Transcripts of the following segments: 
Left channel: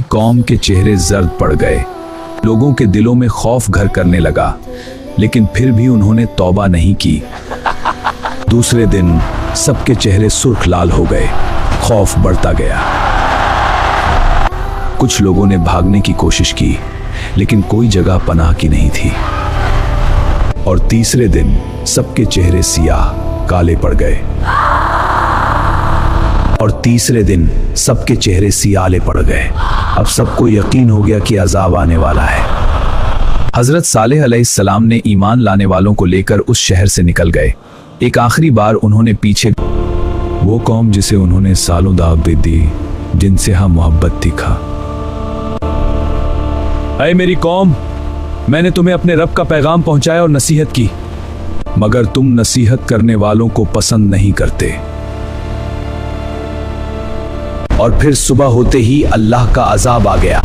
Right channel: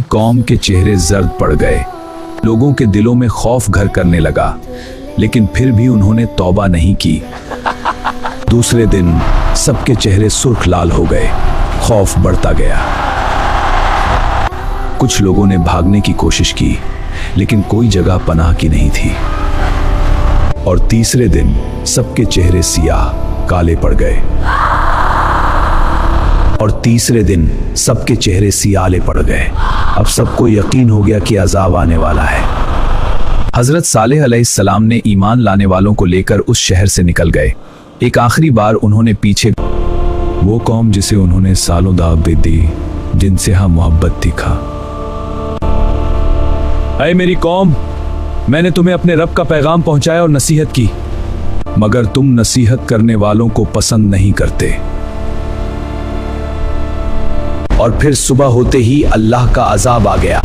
कौम के चेहरे जर्द पड़ गए। लोगों के दिलों में खौफ घर करने लगा, लेकिन फिर भी उन्होंने तौबा नहीं की। दूसरे दिन सबके चेहरे सुर्ख लाल हो गए, खौफ बढ़ता गया। कुछ लोगों ने भागने की कोशिश की, लेकिन कोई जगह पनाह की नहीं थी। और तीसरे दिन सबके चेहरे सियाह काले पड़ गए। और तीसरे दिन सबके चेहरे सियाले पड़ गए। अब सबको यकीन हो गया कि अजाब आने वाला है। हजरत सालेह अलैहिस्सलाम ने ईमान लाने वालों को लेकर उस शहर से निकल गए। एक आखिरी बार उन्होंने पीछे वो कौम जिसे उन्होंने सालों दावत दी, जिनसे हाँ मोहब्बत थी, खा। ऐ मेरी कौम, मैंने तुम्हें अपने रब का पैगाम पहुंचाया और नसीहत की, मगर तुम नसीहत करने वालों को पसंद नहीं करते। और फिर सुबह होते ही अल्लाह का अजाब आ गया।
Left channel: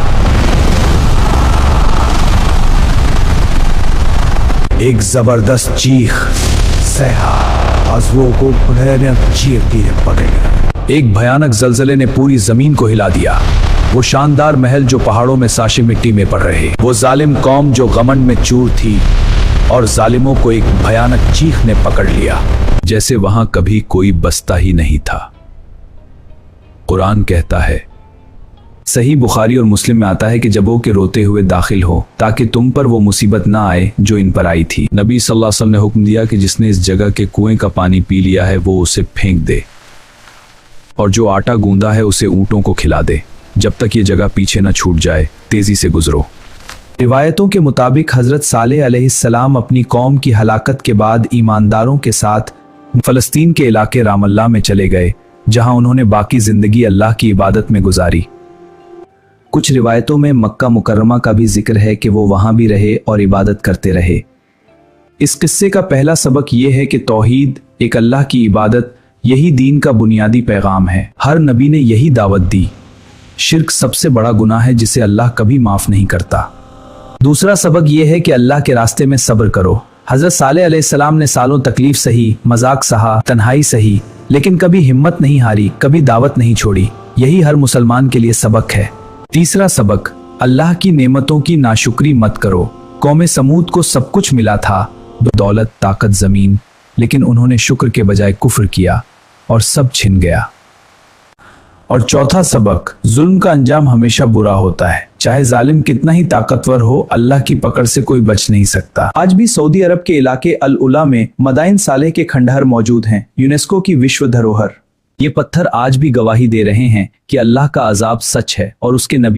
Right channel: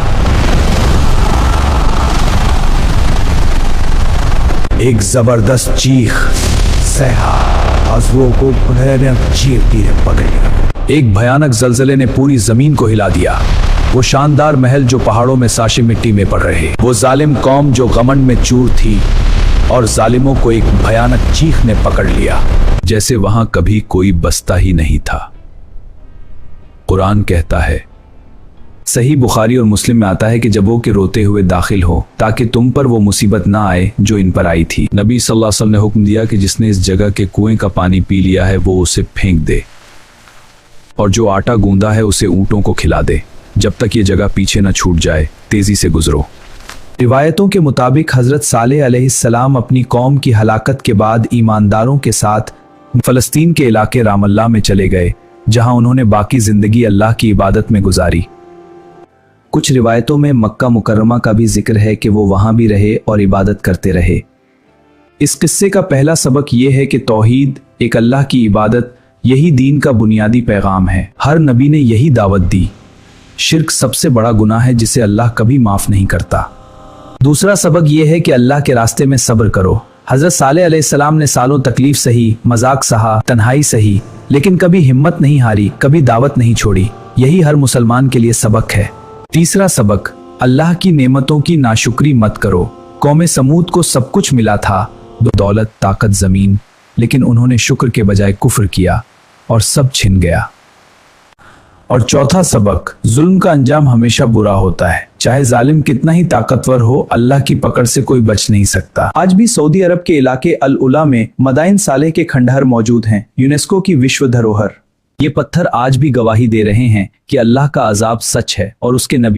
एक जबरदस्त चीख, सहा, आंसुओं को भयानक चीरती पकड़ी। एक भयानक जलजले ने पूरी जमीन को हिला दिया। वो शानदार महल जो पहाड़ों में साशे मिट्टी में पड़ रहे, वो जालिम कौम जो घमंड में चूर थी, और जालिमों को एक भयानक चीख ने पकड़ लिया, जैसे वहां कभी कोई बसता ही नहीं था। कुरान कहता है, सही बुखारी और मुस्लिम में आता है कि जब वो के रोते हुए दाखिल हो, ताकि तुम पर वो मुसीबत ना आए जो इन पर आई थी। नबी सल्लल्लाहु अलैहि वसल्लम ने हुक्म दिया कि जिसने इस जगह के कुएं का पानी पी लिया है वो उसे फेंक दे, और जो आटा गूंदा है उसे ऊंटों को खिला दे। जब तक ये जगह पीछे न छूट जाए, तेजी से गुजरो। रिवायतों के मुताबिक हजरत सालेह अलैहिस्सलाम अपनी कौम की हलाकत के बाद ईमानदारों के साथ फलस्तीन के इलाके रामल्ला में चले गए, जहां उन्होंने बाकी जिंदगी अल्लाह की इबादत में गुजारी। कुछ रिवायतों में मक्का मुकर्रमा का भी जिक्र है कि वो वहां भी रहे और इबादत करते रहे। इस किस्से का पहला सबक यह है कि तौहीद, एक अल्लाह की इबादत, यही दीन का बुनियादी पैगाम है। हर नबी ने यही दावत दी। शिर्क सबसे बड़ा गुनाह है जिसे अल्लाह कभी माफ नहीं करता। दूसरा सबक यह है कि अल्लाह के रास्ते में सब्र करो। हजरत सालेह अलैहिस्सलाम ने सालों तकलीफ सही, मजाक सहा, तन्हाई सही, लेकिन कभी हिम्मत नहीं हारी, कभी दावत नहीं छोड़ी। यही हर मुसलमान के लिए सबक है। तीसरा सबक, अल्लाह की नेमतों की नाशुक्री मत करो। कौमे समूद को सब कुछ मिला था, दौलत, ताकत, जमीन, लेकिन उन्होंने शुक्र के बजाय कुफ्र किया और सब छिन गया। और चौथा सबक, जुल्म का अंजाम हमेशा बुरा होता है। चाहे जालिम कितना ही ताकतवर हो, अल्लाह की पकड़ से कोई बच नहीं सकता। आज भी सऊदी अरब के इलाके अल उला में मदाइन सालेह के खंडहर मौजूद हैं, यूनेस्को की विश्व धरोहर। ये पत्थर आज भी गवाही दे रहे हैं कि अल्लाह का अजाब सच है और उसके नबी